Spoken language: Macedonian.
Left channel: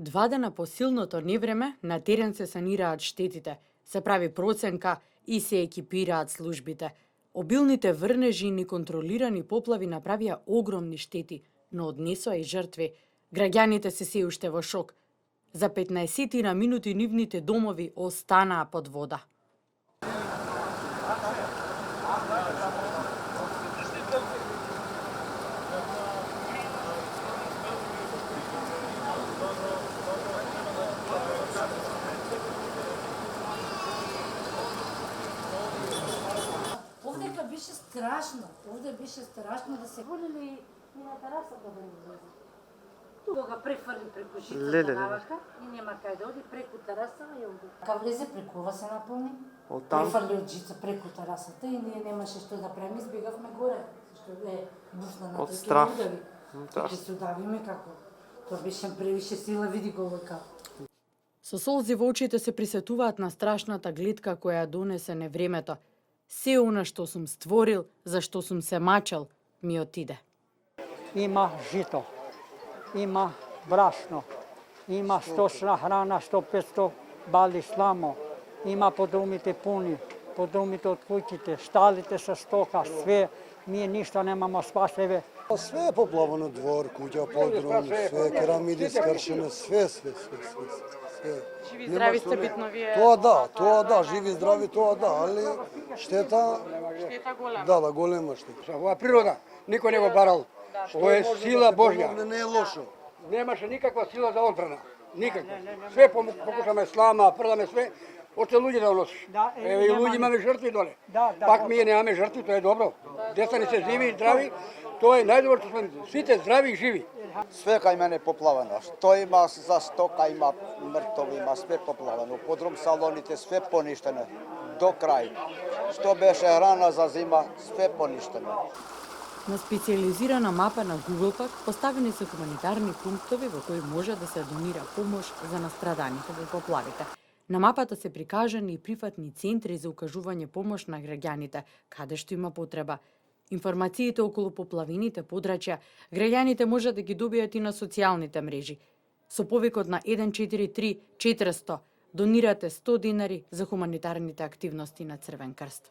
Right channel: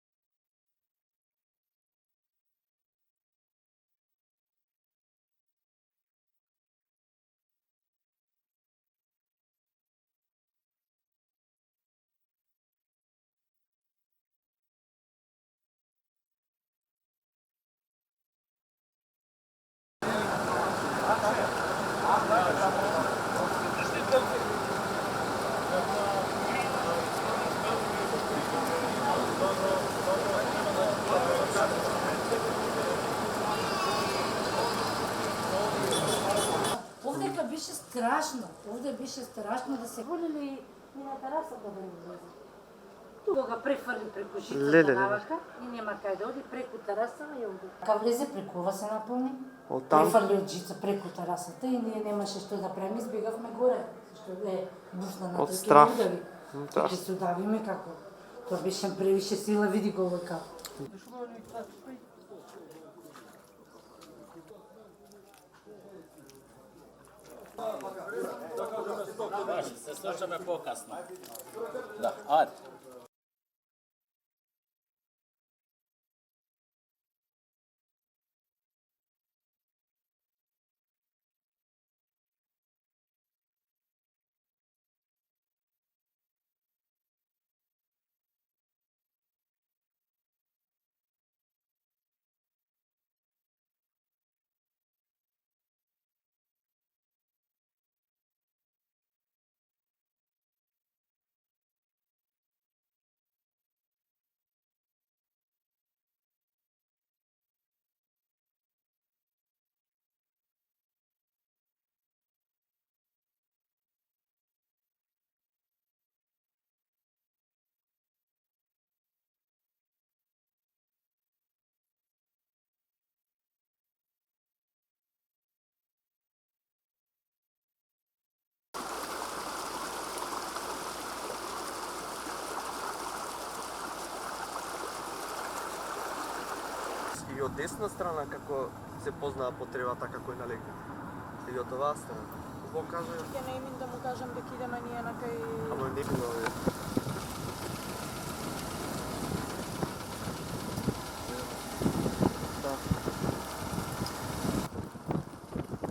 2 дена по силното невреме на терен се санираат штетите, се прави проценка и се екипираат службите. Обилните врнежи и неконтролирани поплави направија огромни штети, но однесоа и жртви. Граѓаните се уште во шок. За 15 на минути нивните домови останаа под вода. Овдека беше страшно. Овде беше страшно да се волели и на терасата да не влезе. Тука го префрли преку жицата навака и нема кај да оди преку тераса и овде. Ка влезе преку ова се наполни. Префрли од жица преку терасата и ние немаше што да правиме, избегавме горе, што е бушна на тој удави. Ќе се удавиме како. Тоа беше превише сила, види го вака. Со солзи во очите се присетуваат на страшната гледка која донесе невремето. Се она што сум створил, за што сум се мачал, ми отиде. Има жито, има брашно, има сточна храна, 100-500 бали сламо, има по домите пуни, по домите од куќите, шталите со стока, све, ние ништо немамо спасеве. Све е поплавано, двор, куќа, подрум, све, керамиди скршено, све. Живи здрави сте битно вие. Тоа да, живи здрави, тоа да, али штета голема. Да, голема штета. Ова природа, никој не го барал. Ова е сила Божја. Не е лошо. Немаше никаква сила за одбрана. Никаква. Све покушаме слама, прдаме све, още луѓе да носиш. Еве и луѓе имаме жртви доле. Пак ние немаме жртви, тоа е добро. Деца ни се живи и здрави, тоа е најдобро што сме сите здрави и живи. Све кај мене поплавено. Што има за стока, има мртови, има све поплавено. Подрум салоните све поништено. До крај. Што беше храна за зима, све поништено. На специализирана мапа на Google поставени се хуманитарни пунктови во кои може да се донира помош за настраданите во поплавите. На мапата се прикажани и прифатни центри за окажување помош на граѓаните, каде што има потреба. Информациите околу поплавените подрачја граѓаните можат да ги добијат и на социјалните мрежи. Со повикот на 143 400 донирате 100 динари за хуманитарните активности на Црвен крст.